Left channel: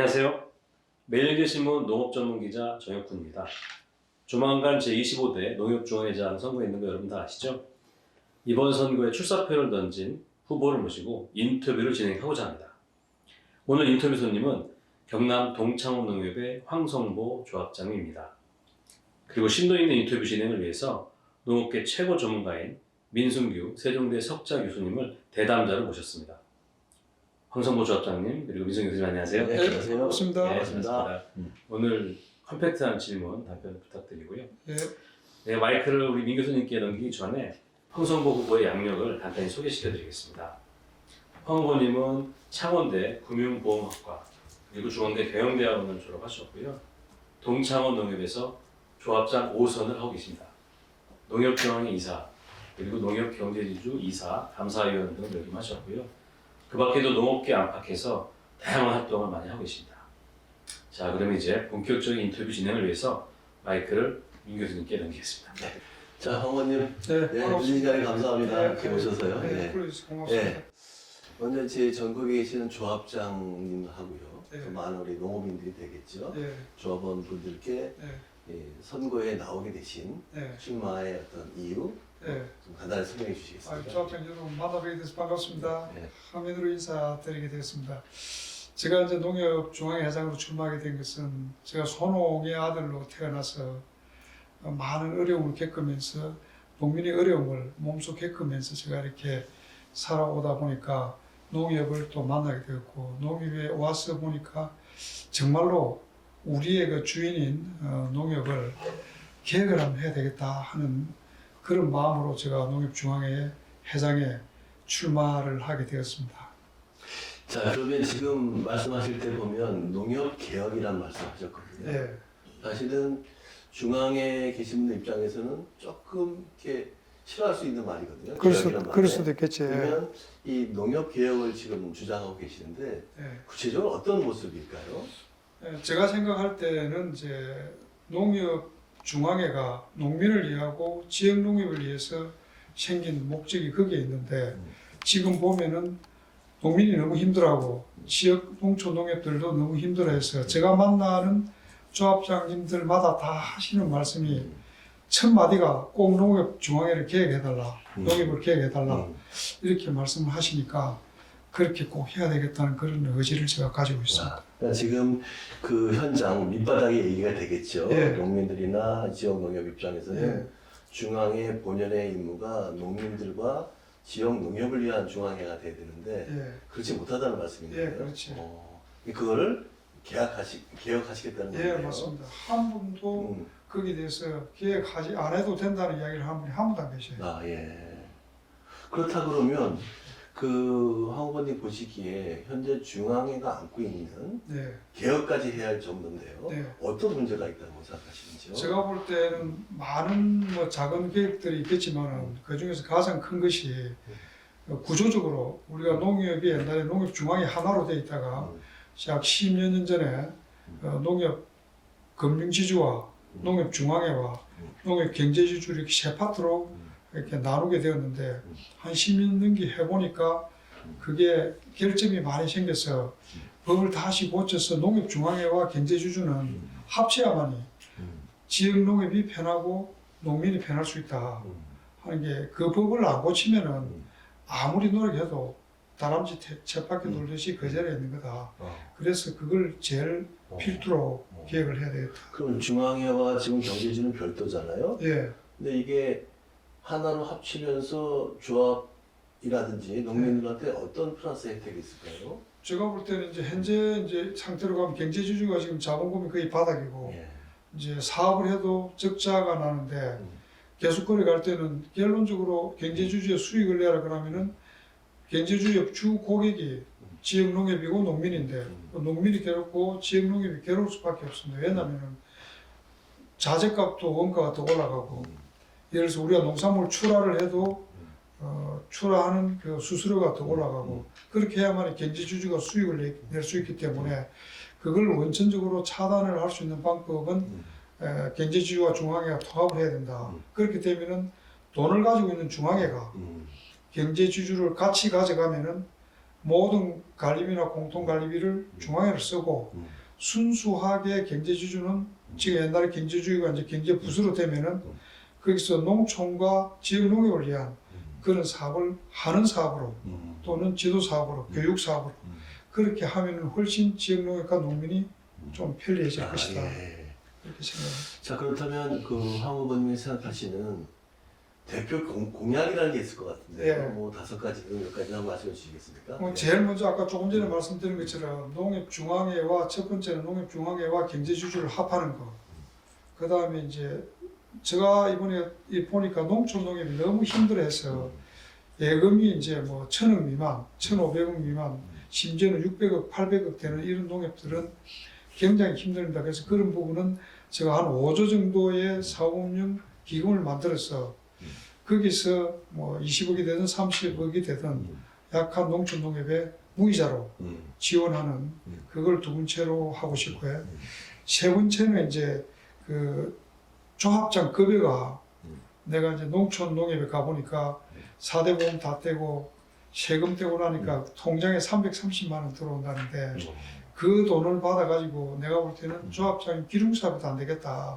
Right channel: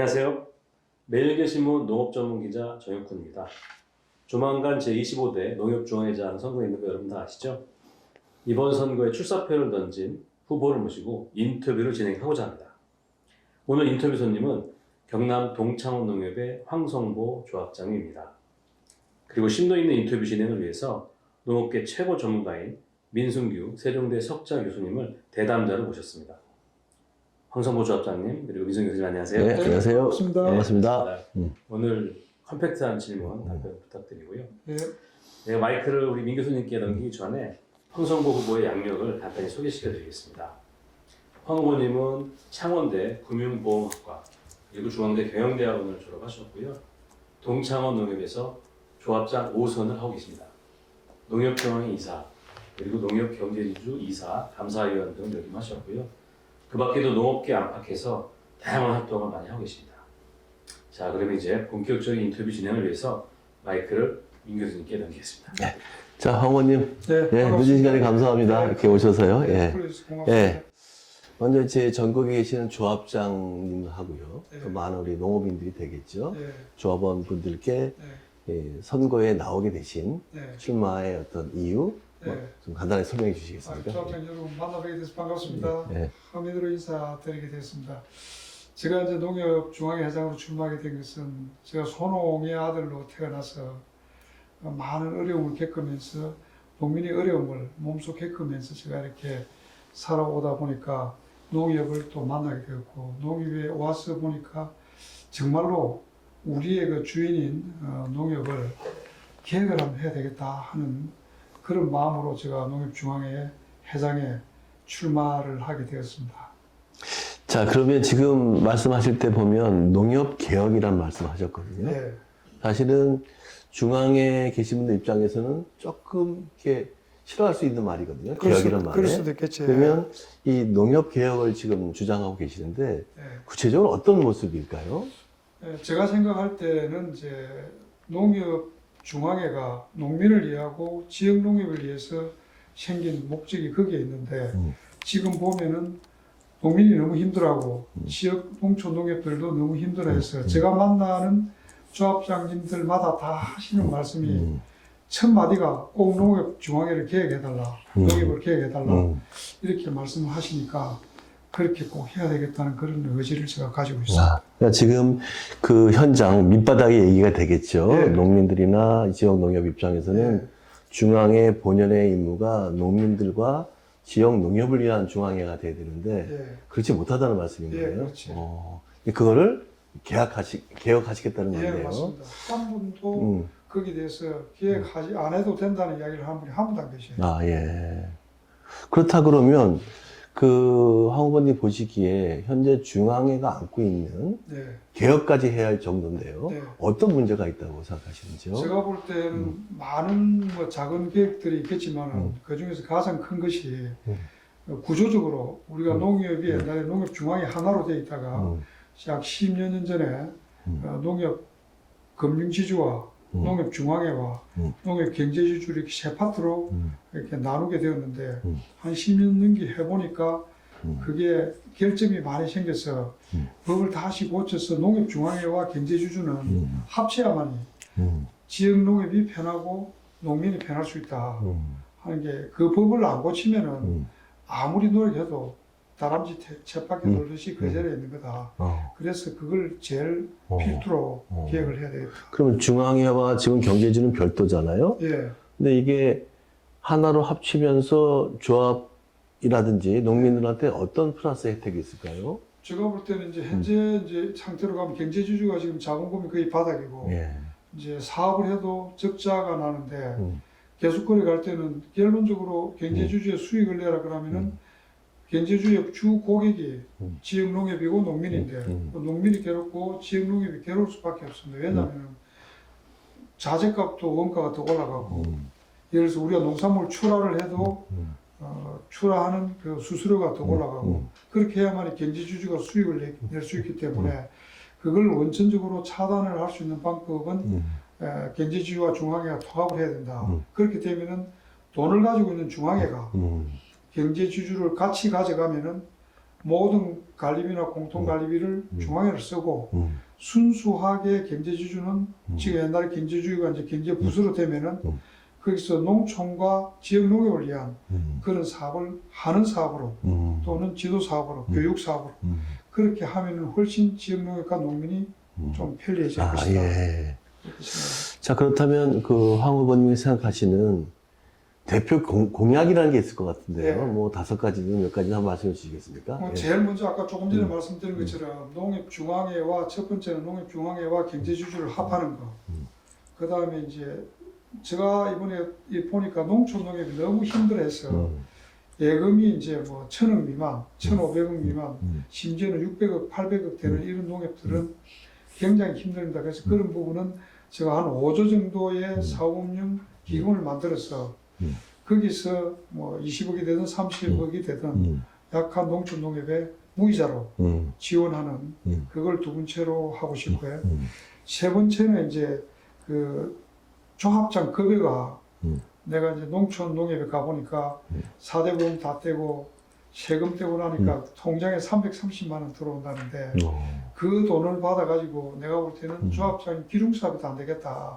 안녕하세요. 매일경신문 농업전문기자 정혁훈입니다. 조만간 제25대 농협중앙회장 선거에 있는 거 여러분 다 아시죠? 이번 선거에 출사표를 던진 후보를 모시고 인터뷰를 진행하고자 합니다. 오늘 인터뷰 손님은 경남 동창업농협의 황성보 조합장입니다. 그리고 심도 있는 인터뷰 진행을 위해서 농업계 최고 전문가인 민순규 세종대 석좌 교수님을 대담자로 모셨습니다. 황성보 조합장님 그리고 민순규 교수님 안녕하세요. 네, 안녕하세요. 반갑습니다. 네, 반갑습니다. 오늘 컴팩트한 질문 답변 부탁드리고요. 네. 네, 마이크를 우리 민 교수님께 넘기기 전에 황성보 후보의 양력을 간단히 소개시켜드리겠습니다. 황 후보님은 창원대 금융보험학과 그리고 중앙대 경영대학원을 졸업하셨고요. 동창원 농협에서 조합장 5선을 하고 계십니다. 농협경영 이사 그리고 농협경제지주 이사, 감사위원 등을 역임하셨고요. 그 밖에도 농업계 안팎에서 다양한 활동을 많이 하고 계십니다. 자, 그러면 이제 본격적인 인터뷰 진행을 위해서 마이크를 민 교수님께 넘기겠습니다. 네. 자, 황 의원님. 네, 네, 늦은 시간에 감사합니다. 네, 이렇게 오셔서요. 네, 예. 고맙습니다. 예. 먼저 제 전국에 계시는 조합장님하고요. 네. 또 많은 우리 농업인들이 되겠죠. 네, 조합원 분들께 네, 예, 선거에 나오게 되신 네, 출마의 어떤 이유 네. 좀 간단히 설명해 주시겠습니까? 조합장 여러분 만나뵙게 돼서 반갑습니다. 네. 함의으로 인사드리게 됐습니다. 제가 이제 농협중앙회장으로 출마하게 된 것은 제가 소농의 아들로 태어나서 많은 어려움을 겪으면서 농민의 어려움을 몸소 겪으면서 제가 이렇게 살아오다 보니까 농협을 또 만나게 되었고 농협에 와서 보니까 정말로 우리의 그 주인인 농협을 개혁을 한번 해야 되겠다 하는 그런 마음으로 제가 농협중앙회 회장에 출마를 하게 되었습니다. 자, 그러면 지금 말씀하실 때 보면 농협개혁이란 말씀하셨거든요. 네, 사실은 중앙에 계신 분들 입장에서는 조금 이렇게 싫어할 수 있는 말이거든요. 개혁이란 말에. 그럴 수도 있겠지. 그러면 이 농협 개혁을 지금 주장하고 계시는데 네. 구체적으로 어떤 모습일까요? 제가 생각할 때는 이제 농협중앙회가 농민을 위하고 지역 농협을 위해서 생긴 목적이 거기에 있는데 지금 보면은 농민이 너무 힘들어하고 지역 농촌 농협들도 너무 힘들어해서 제가 만나는 조합장님들마다 다 하시는 말씀이 첫 마디가 꼭 농협중앙회를 개혁해달라, 농협을 개혁해달라 이렇게 말씀을 하시니까 그렇게 꼭 해야 되겠다는 그런 의지를 제가 가지고 있습니다. 그러니까 지금 그 현장 밑바닥의 얘기가 되겠죠. 네. 농민들이나 지역 농협 입장에서는 네. 중앙회 본연의 임무가 농민들과 지역 농협을 위한 중앙회가 돼야 되는데 예, 그렇지 못하다는 말씀인 예, 거예요. 그렇지. 그거를 개혁하시겠다는 예, 건데요. 맞습니다. 한 분도 거기에 대해서 개혁하지 안 해도 된다는 이야기를 한 분이 한 분도 안 계셔요. 아, 예. 그렇다 그러면 황 후보님 보시기에 현재 중앙회가 안고 있는 네. 개혁까지 해야 할 정도인데요. 네. 어떤 문제가 있다고 생각하시는지요? 제가 볼 때는 많은 뭐 작은 계획들이 있겠지만 그 중에서 가장 큰 것이 구조적으로 우리가 농협이 옛날에 농협중앙회 하나로 되어 있다가 약 10여 년 전에 농협 금융지주와 농협중앙회와 농협경제지주 이렇게 세 파트로 이렇게 나누게 되었는데 한 10년 넘게 해보니까 그게 결점이 많이 생겨서 법을 다시 고쳐서 농협중앙회와 경제지주는 합쳐야만이 지역 농협이 편하고 농민이 편할 수 있다 하는 게 그 법을 안 고치면은 아무리 노력해도 다람쥐 쳇바퀴 돌듯이 그 자리에 있는 거다. 그래서 그걸 제일 필두로 개혁을 해야 되겠다. 그러면 중앙회와 지금 경제지는 별도잖아요. 예, 근데 이게 하나로 합치면서 조합이라든지 농민들한테 어떤 플러스 혜택이 있을까요? 제가 볼 때는 이제 현재 이제 상태로 가면 경제지주가 지금 자본금이 거의 바닥이고 예. 이제 사업을 해도 적자가 나는데 계속거래 갈 때는 결론적으로 경제주주의 수익을 내라 그러면은 경제주의 주 고객이 지역 농협이고 농민인데 농민이 괴롭고 지역 농협이 괴로울 수밖에 없습니다. 왜냐하면 자재값도 원가가 더 올라가고 예를 들어서 우리가 농산물 출하를 해도 출하하는 그 수수료가 더 올라가고 그렇게 해야만 경제주주가 수익을 낼 수 있기 때문에 그걸 원천적으로 차단을 할 수 있는 방법은 경제주주와 중앙회가 통합을 해야 된다. 그렇게 되면은 돈을 가지고 있는 중앙회가 경제주주를 같이 가져가면은 모든 관리비나 공통 관리비를 중앙에를 쓰고 순수하게 경제지주는 지금 옛날에 경제주의가 이제 경제부수로 되면은 거기서 농촌과 지역 농업을 위한 그런 사업을 하는 사업으로 또는 지도 사업으로 교육 사업으로 그렇게 하면 훨씬 지역 농업과 농민이 좀 편리해질 것이다. 예. 그렇게 생각합니다. 자, 그렇다면 그 황 후보님이 생각하시는 대표 공약이라는 게 있을 것 같은데요. 네. 뭐 5가지든 몇 가지 한번 말씀해 주시겠습니까? 예. 제일 먼저 아까 조금 전에 말씀드린 것처럼 농협중앙회와 첫 번째는 농협중앙회와 경제주주를 합하는 거. 그 다음에 이제 제가 이번에 보니까 농촌 농협이 너무 힘들어했어요. 예금이 이제 뭐 1,000억 미만, 1,500억 미만, 심지어는 600억, 800억 되는 이런 농협들은 굉장히 힘듭니다. 그래서 그런 부분은 제가 한 5조 정도의 사업용 기금을 만들어서 거기서 뭐 20억이 되든 30억이 되든 약한 농촌 농협에 무이자로 지원하는 그걸 두 번째로 하고 싶고요. 세 번째는 이제 그 조합장 급여가 내가 이제 농촌 농협에 가보니까 4대 보험 다 떼고 세금 떼고 나니까 통장에 330만 원 들어온다는데 그 돈을 받아가지고 내가 볼 때는 조합장이 기둥사업도 안 되겠다.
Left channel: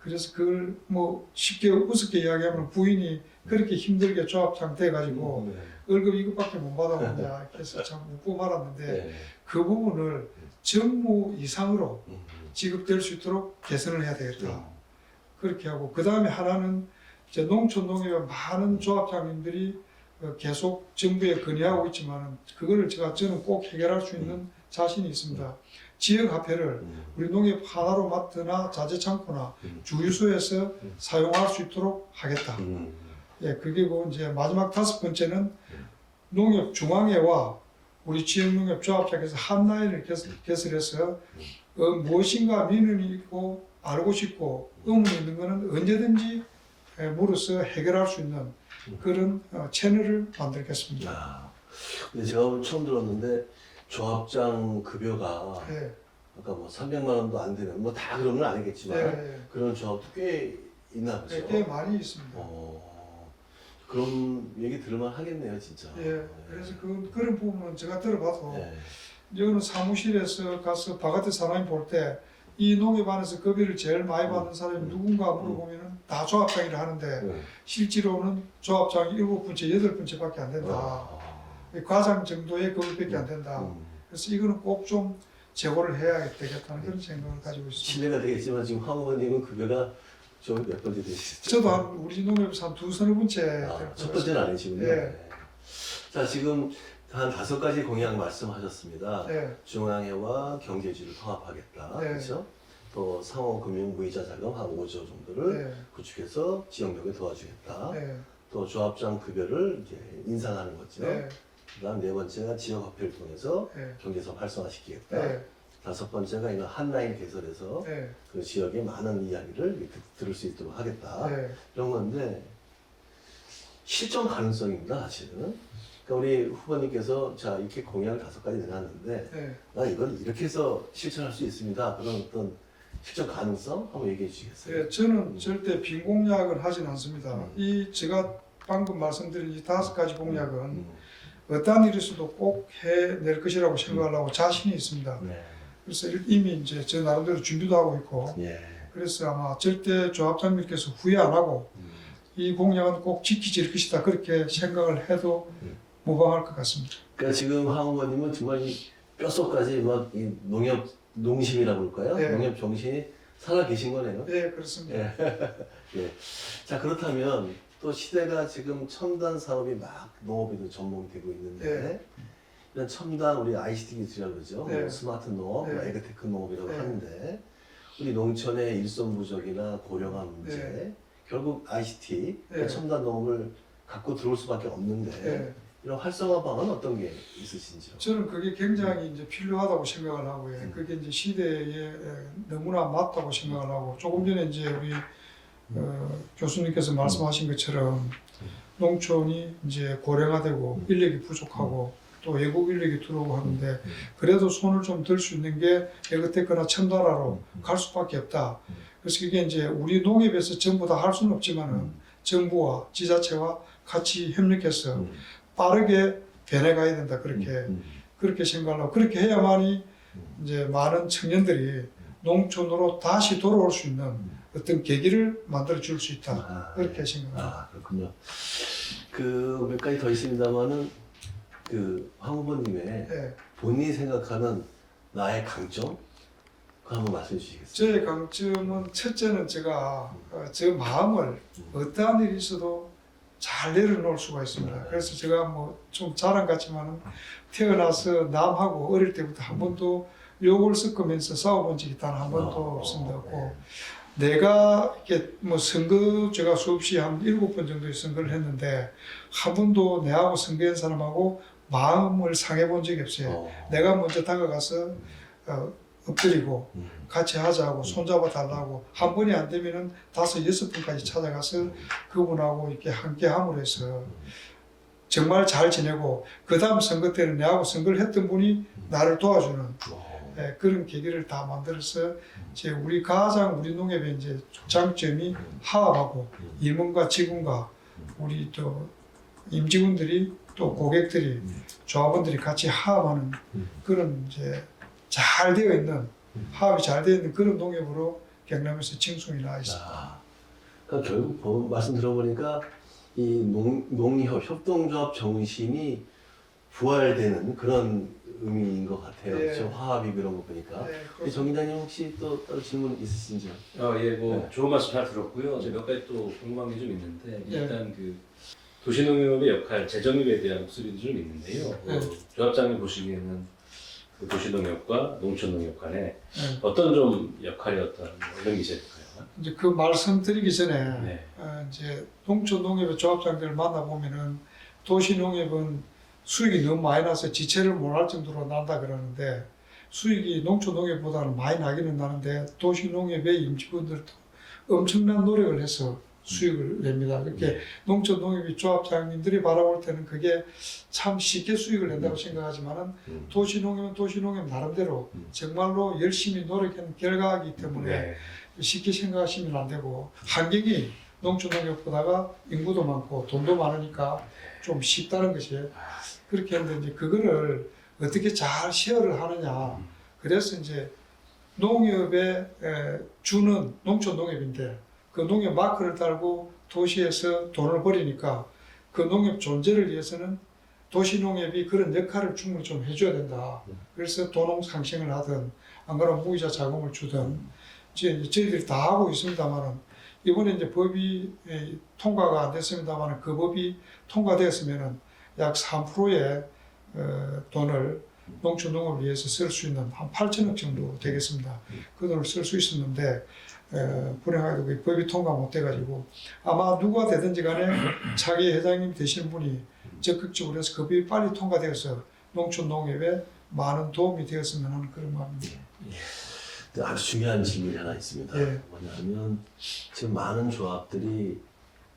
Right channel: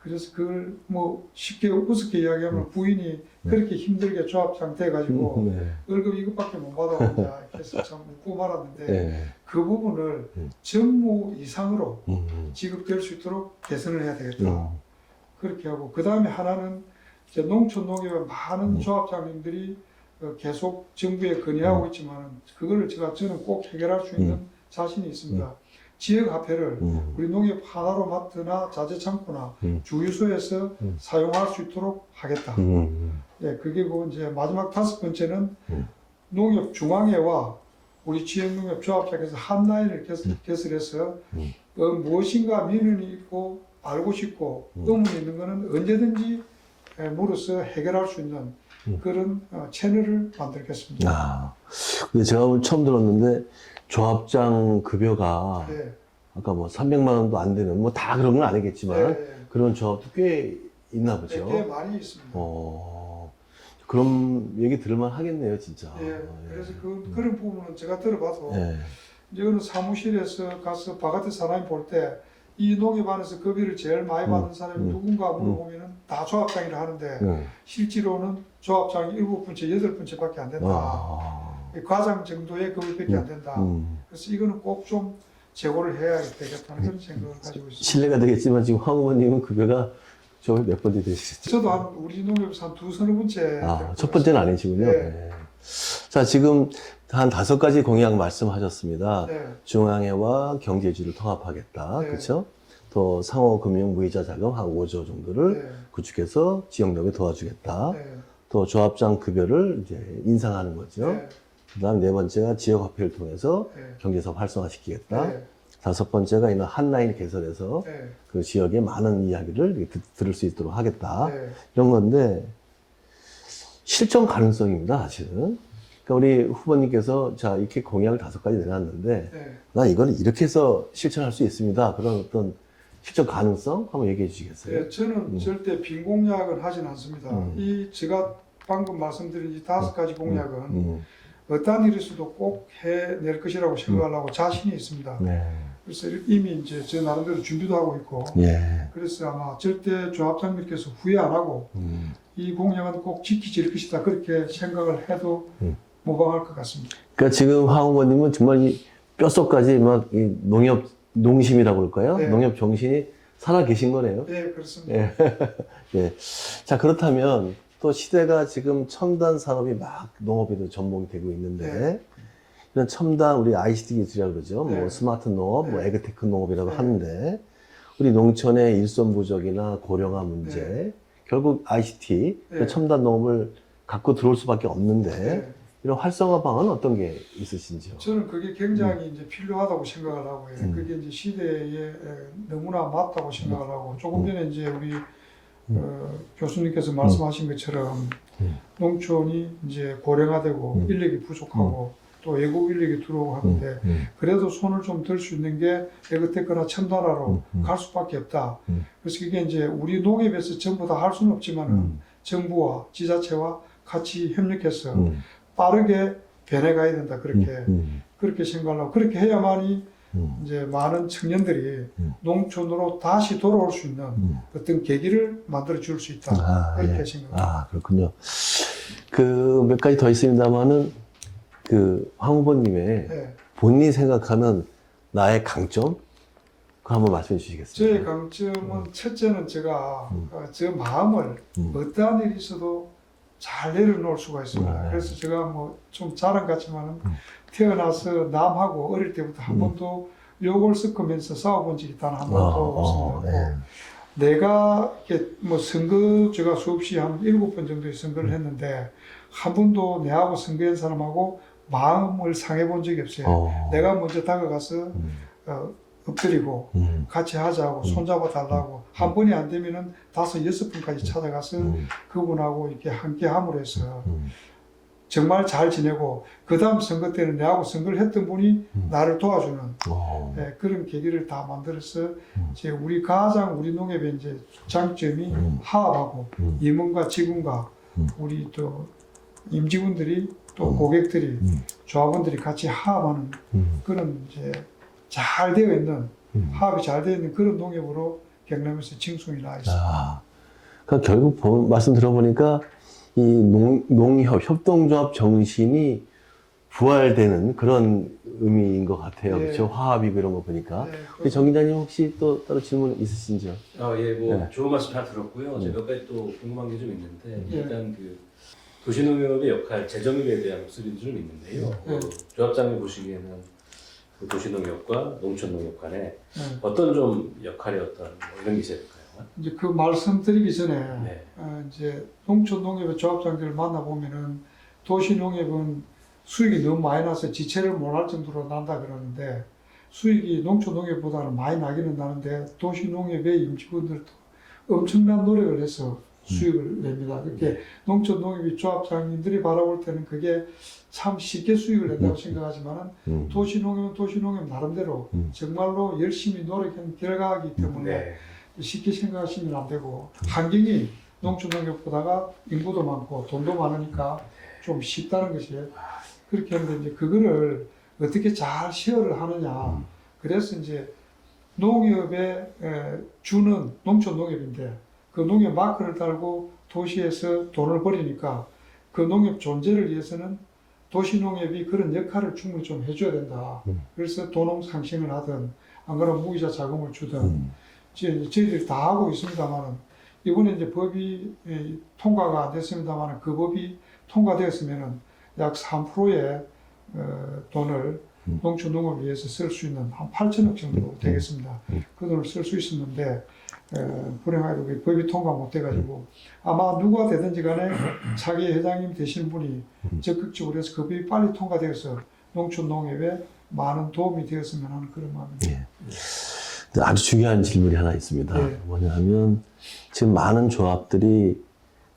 그래서 그걸 뭐 쉽게 우습게 이야기하면 부인이 그렇게 힘들게 조합장 돼가지고 월급 이것밖에 못 받아오냐 이렇게 해서 참 웃고 말았는데 네. 그 부분을 정무 이상으로 지급될 수 있도록 개선을 해야 되겠다. 그렇게 하고 그 다음에 하나는 이제 농촌 농협의 많은 조합장님들이 계속 정부에 건의하고 있지만 그거를 저는 꼭 해결할 수 있는 자신이 있습니다. 지역화폐를 우리 농협 하나로 마트나 자재창고나 주유소에서 사용할 수 있도록 하겠다. 예, 그리고 이제 마지막 5번째는 농협중앙회와 우리 지역농협 조합장에서 한 라인을 개설해서 무엇인가 민원이 있고 알고 싶고 의문이 있는 것은 언제든지 물어서 해결할 수 있는 그런 채널을 만들겠습니다. 아, 근데 제가 오늘 처음 들었는데 조합장 급여가 네. 아까 뭐 300만 원도 안 되는 뭐 다 그런 건 아니겠지만 네. 그런 조합도 꽤 있나 보죠. 꽤 많이 있습니다. 그럼 얘기 들을만 하겠네요, 진짜. 예, 그래서 그런 부분은 제가 들어봐도 예. 이거는 사무실에서 가서 바깥에 사람이 볼 때 이 농협 안에서 급여를 제일 많이 받는 사람이 누군가 물어보면은 다 조합장이라 하는데 실제로는 조합장이 7번째, 8번째밖에 안 된다. 과장 정도의 급여밖에 안 된다. 그래서 이거는 꼭 좀 제고를 해야 되겠다는 그런 생각을 가지고 있습니다. 실례가 되겠지만 지금 황 의원님은 급여가 좀 몇 번째 되시죠? 저도 한 우리 농협에서 한 2-3번째. 첫 번째는 아니시군요. 네. 네. 자, 지금 한 5가지 공약 말씀하셨습니다. 네. 중앙회와 경제주를 통합하겠다. 네. 그렇죠? 또 상호금융 무이자 자금 한 5조 정도를 네. 구축해서 지역력에 도와주겠다. 네. 또 조합장 급여를 이제 인상하는 거죠. 네. 그다음 4번째가 지역화폐를 통해서 네. 경제사업 활성화시키겠다. 네. 5번째가 이런 한라인 개설해서 네. 그 지역의 많은 이야기를 이렇게 들을 수 있도록 하겠다. 네. 이런 건데 실전 가능성입니다, 사실은. 그러니까 우리 후보님께서 자 이렇게 공약을 5가지 내놨는데 네. 나 이거는 이렇게 해서 실천할 수 있습니다. 그런 어떤 실전 가능성 한번 얘기해 주시겠어요? 네, 저는 절대 빈 공약은 하진 않습니다. 이 제가 방금 말씀드린 이 5가지 공약은 어떠한 일에서도 꼭 해낼 것이라고 생각을 하고 자신이 있습니다. 네. 그래서 이미 이제 저 나름대로 준비도 하고 있고 예. 그래서 아마 절대 조합장님께서 후회 안 하고 이 공약은 꼭 지키질 것이다 그렇게 생각을 해도 무방할 것 같습니다. 그러니까 지금 황 후보님은 정말 이 뼛속까지 막 이 농협 농심이라고 그럴까요? 네. 농협 정신이 살아 계신 거네요. 네, 그렇습니다. 예. 예. 자, 그렇다면 또 시대가 지금 첨단 산업이 막 농업에도 접목이 되고 있는데 네. 이런 첨단 우리 ICT 기술이라고 그러죠. 네. 뭐 스마트 농업, 뭐 네. 에그테크 농업이라고 네. 하는데 우리 농촌의 일손 부족이나 고령화 문제 네. 결국 ICT 그 네. 첨단 농업을 갖고 들어올 수밖에 없는데 네. 이런 활성화 방안 어떤 게 있으신지요? 저는 그게 굉장히 이제 필요하다고 생각을 하고요. 그게 이제 시대에 너무나 맞다고 생각을 하고 조금 전에 이제 우리 교수님께서 말씀하신 것처럼 농촌이 이제 고령화되고 인력이 부족하고 또 외국 인력이 들어오고 하는데 그래도 손을 좀 들 수 있는 게 에그테크나 첨단화로 갈 수밖에 없다. 그래서 이게 이제 우리 농협에서 전부 다 할 수는 없지만은 정부와 지자체와 같이 협력해서 빠르게 변해가야 된다 그렇게 생각하고 그렇게 해야만이 이제 많은 청년들이 농촌으로 다시 돌아올 수 있는 어떤 계기를 만들어 줄 수 있다 그렇게 예. 생각합니다. 그렇군요. 그 몇 가지 더 있습니다만은 그 황 후보님의 예. 본인이 생각하는 나의 강점 그거 한번 말씀해 주시겠어요? 저의 강점은 첫째는 제가 저 마음을 어떠한 일이 있어도 잘 내려놓을 수가 있습니다. 그래서 제가 뭐 좀 자랑 같지만 태어나서 남하고 어릴 때부터 한 번도 욕을 섞으면서 싸워본 적이 단 한 번도 없습니다. 네. 내가 이렇게 뭐 선거 제가 수없이 한 7번 정도의 선거를 했는데 한 번도 내하고 선거한 사람하고 마음을 상해본 적이 없어요. 내가 먼저 다가가서 엎드리고 같이 하자고 손잡아 달라고 한 번이 안 되면은 5, 6번까지 찾아가서 그분하고 이렇게 함께 함으로 해서 정말 잘 지내고 그 다음 선거 때는 내하고 선거를 했던 분이 나를 도와주는 그런 계기를 다 만들어서 이제 우리 가장 우리 농협의 이제 장점이 화합하고 임원과 직원과 우리 또 임직원들이 또 고객들이 조합원들이 같이 화합하는 그런 이제 잘 되어 있는 화합이 잘 되어 있는 그런 농협으로 경남에서 칭송이 나 있습니다. 그러니까 결국 말씀 들어보니까 이 농협 협동조합 정신이 부활되는 그런 의미인 것 같아요. 네. 그렇죠? 화합이고 이런 거 보니까. 네, 우리 정 기자님 혹시 또 따로 질문 있으신지요? 예, 뭐 네. 좋은 말씀 잘 들었고요. 제가 몇 가지 또 궁금한 게 좀 있는데 네. 일단 그 도시농협의 역할, 재정립에 대한 목소리도 좀 있는데요. 네. 조합장님 보시기에는 그 도시농협과 농촌농협 간에 네. 어떤 좀 역할이 어떤 이런 게 있을까요? 이제 그 말씀드리기 전에 네. 이제 농촌 농협의 조합장들을 만나 보면은 도시 농협은 수익이 너무 많이 나서 지체를 못할 정도로 난다 그러는데 수익이 농촌 농협보다는 많이 나기는 나는데 도시 농협의 임직원들도 엄청난 노력을 해서 수익을 냅니다. 그렇게 농촌 농협의 조합장님들이 바라볼 때는 그게 참 쉽게 수익을 낸다고 생각하지만은 도시 농협은 도시 농협 나름대로 정말로 열심히 노력한 결과이기 때문에 네. 쉽게 생각하시면 안 되고 환경이 농촌 농협보다가 인구도 많고 돈도 많으니까 좀 쉽다는 것이 그렇게 했는데 이제 그거를 어떻게 잘 쉐어를 하느냐 그래서 이제 농협에 주는 농촌 농협인데 그 농협 마크를 달고 도시에서 돈을 벌이니까 그 농협 존재를 위해서는 도시 농협이 그런 역할을 충분히 좀 해줘야 된다. 그래서 도농 상생을 하든 안 그러면 무이자 자금을 주든 저희들이 다 하고 있습니다만은 이번에 이제 법이 통과가 안 됐습니다만은 그 법이 통과됐으면은 약 3%의 돈을 농촌 농업을 위해서 쓸 수 있는 한 8천억 정도 되겠습니다. 그 돈을 쓸 수 있었는데 불행하게도 그 법이 통과 못 돼가지고 아마 누가 되든지 간에 차기 회장님 되시는 분이 적극적으로 해서 그 법이 빨리 통과되어서 농촌 농업에 많은 도움이 되었으면 하는 그런 마음입니다. 아주 중요한 질문이 하나 있습니다. 네. 뭐냐면 지금 많은 조합들이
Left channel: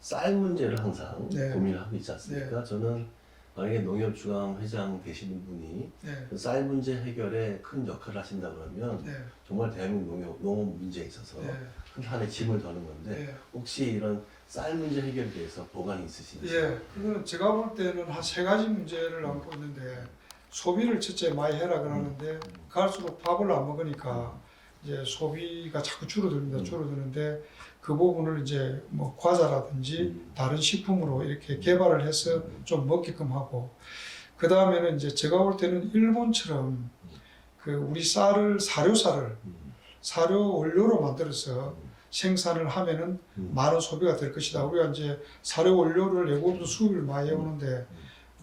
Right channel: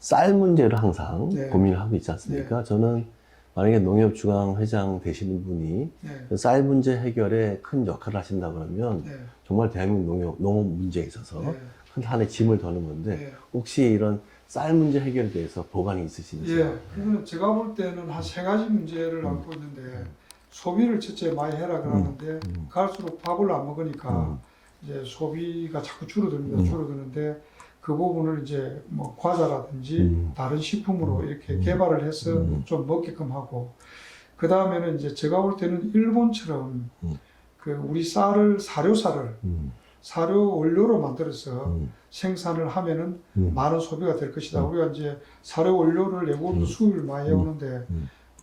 쌀 문제를 항상 네. 고민을 하고 있지 않습니까? 저는 만약에 농협중앙회장 되시는 분이 네. 쌀 문제 해결에 큰 역할을 하신다 그러면 네. 정말 대한민국 농업 문제에 있어서 네. 큰 한에 짐을 더는 건데 네. 혹시 이런 쌀 문제 해결에 대해서 보관이 있으신지? 예, 그거는 제가 볼 때는 한 3가지 문제를 안고 있는데 소비를 첫째 많이 해라 그러는데 갈수록 밥을 안 먹으니까 이제 소비가 자꾸 줄어듭니다. 줄어드는데 그 부분을 이제 뭐 과자라든지 다른 식품으로 이렇게 개발을 해서 좀 먹게끔 하고 그 다음에는 이제 제가 볼 때는 일본처럼 그 우리 쌀을 사료 원료로 만들어서 생산을 하면은 많은 소비가 될 것이다. 우리가 이제 사료 원료를 외국으로 수입을 많이 해오는데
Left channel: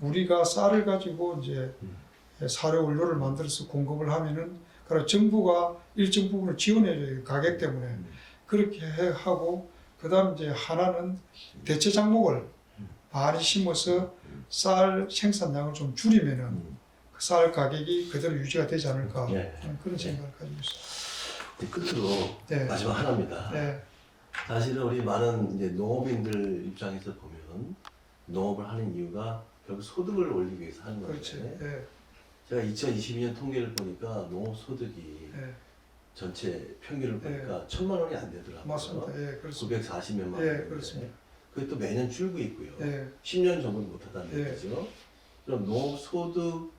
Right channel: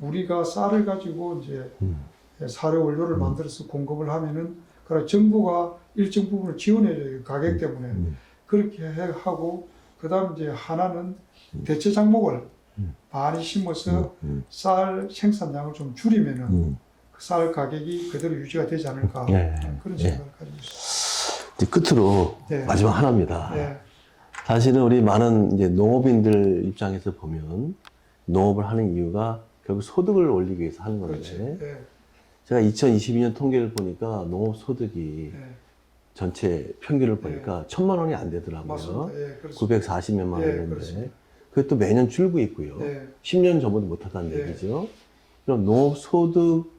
우리가 쌀을 가지고 이제 사료 원료를 만들어서 공급을 하면은 그래 정부가 일정 부분을 지원해줘요. 가격 때문에 그렇게 하고 그다음 이제 하나는 대체 작목을 많이 심어서 쌀 생산량을 좀 줄이면은 그 쌀 가격이 그대로 유지가 되지 않을까 그런 생각을 가지고 있습니다. 이제 끝으로 네. 마지막 하나입니다. 네. 사실은 우리 많은 이제 농업인들 입장에서 보면 농업을 하는 이유가 결국 소득을 올리기 위해서 하는 건데 그렇지. 네. 제가 2022년 통계를 보니까 농업 소득이 네. 전체 평균을 보니까 1,000만 원이 안 되더라고요. 맞습니다. 예, 그렇습니다. 940몇만 예, 원인데 그렇습니다. 그게 또 매년 줄고 있고요. 네. 10년 전보다 못하다는 예. 얘기죠. 그럼 농업소득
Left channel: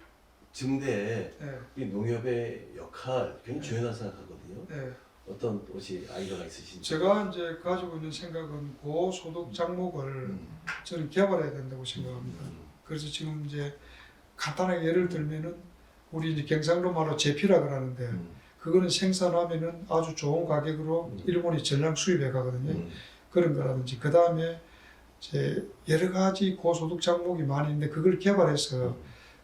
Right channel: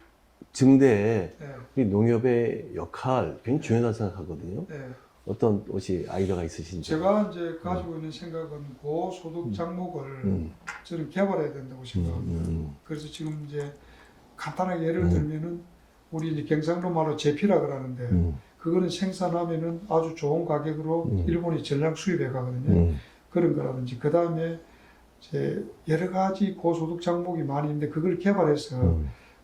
증대에 네, 우리 농협의 역할 굉장히 중요하다고 생각하거든요. 네. 어떤 혹시 아이디어가 있으신지? 제가 이제 가지고 있는 생각은 고소득 장목을 저는 개발해야 된다고 생각합니다. 그래서 지금 이제 간단하게 예를 들면은 우리 이제 경상도 말로 제피라 그러는데 그거는 생산하면은 아주 좋은 가격으로 일본이 전량 수입해 가거든요. 그런 거라든지 그 다음에 이제 여러 가지 고소득 장목이 많이 있는데 그걸 개발해서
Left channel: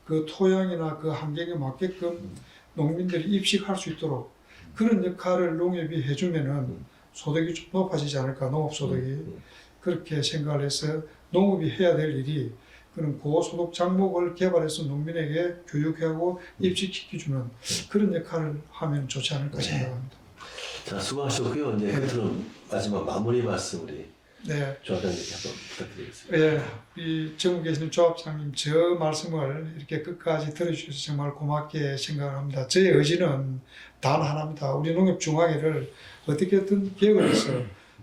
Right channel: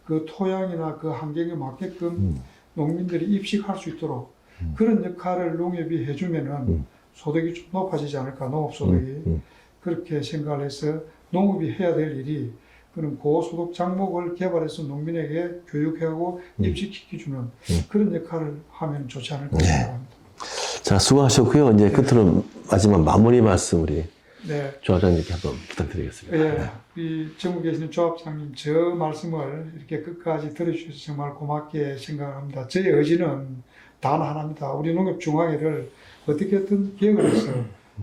그 토양이나 그 환경에 맞게끔 농민들이 입식할 수 있도록 그런 역할을 농협이 해주면은 소득이 좀 높아지지 않을까, 농업 소득이. 그렇게 생각을 해서 농업이 해야 될 일이 그런 고소득 장목을 개발해서 농민에게 교육하고 입식시켜주는 그런 역할을 하면 좋지 않을까 생각합니다. 자, 수고하셨고요. 이제 끝으로 마지막 마무리 말씀 우리 네. 조합장님께 한번 부탁드리겠습니다. 예, 이 전국에 계시는 조합장님 저 말씀을 이렇게 끝까지 들어주셔서 정말 고맙게 생각합니다. 저의 의지는 단 하나입니다. 우리 농협중앙회를 어떻게든 개혁을 해서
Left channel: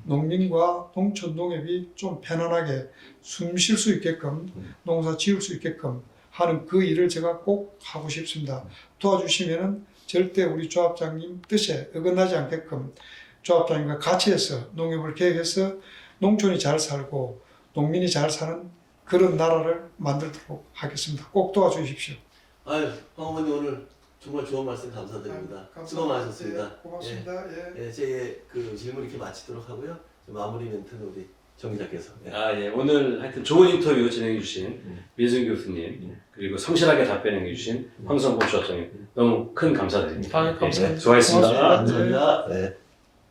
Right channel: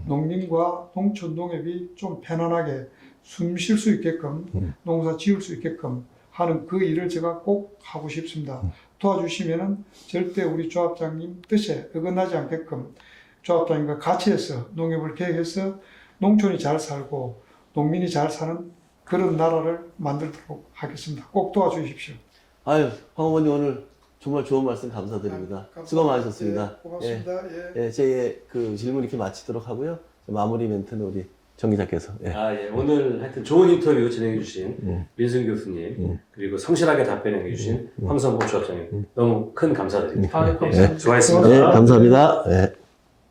농민과 농촌 농협이 좀 편안하게 숨 쉴 수 있게끔 농사 지을 수 있게끔 하는 그 일을 제가 꼭 하고 싶습니다. 도와주시면은 절대 우리 조합장님 뜻에 어긋나지 않게끔 조합장님과 같이 해서 농협을 개혁해서 농촌이 잘 살고 농민이 잘 사는 그런 나라를 만들도록 하겠습니다. 꼭 도와주십시오. 아유, 황 어머니 오늘 정말 좋은 말씀 감사드립니다. 감사합니다. 수고 많으셨습니다. 예, 고맙습니다. 예. 제 그 질문 이렇게 마치도록 하고요. 마무리 멘트는 우리 정 기자께서. 예, 오늘 하여튼 좋은 인터뷰 진행해 주신 민승 교수님 그리고 성실하게 답변해 주신 황성보 조합장님 너무 큰 감사드립니다. 감사합니다. 수고하셨습니다. 감사합니다. 네.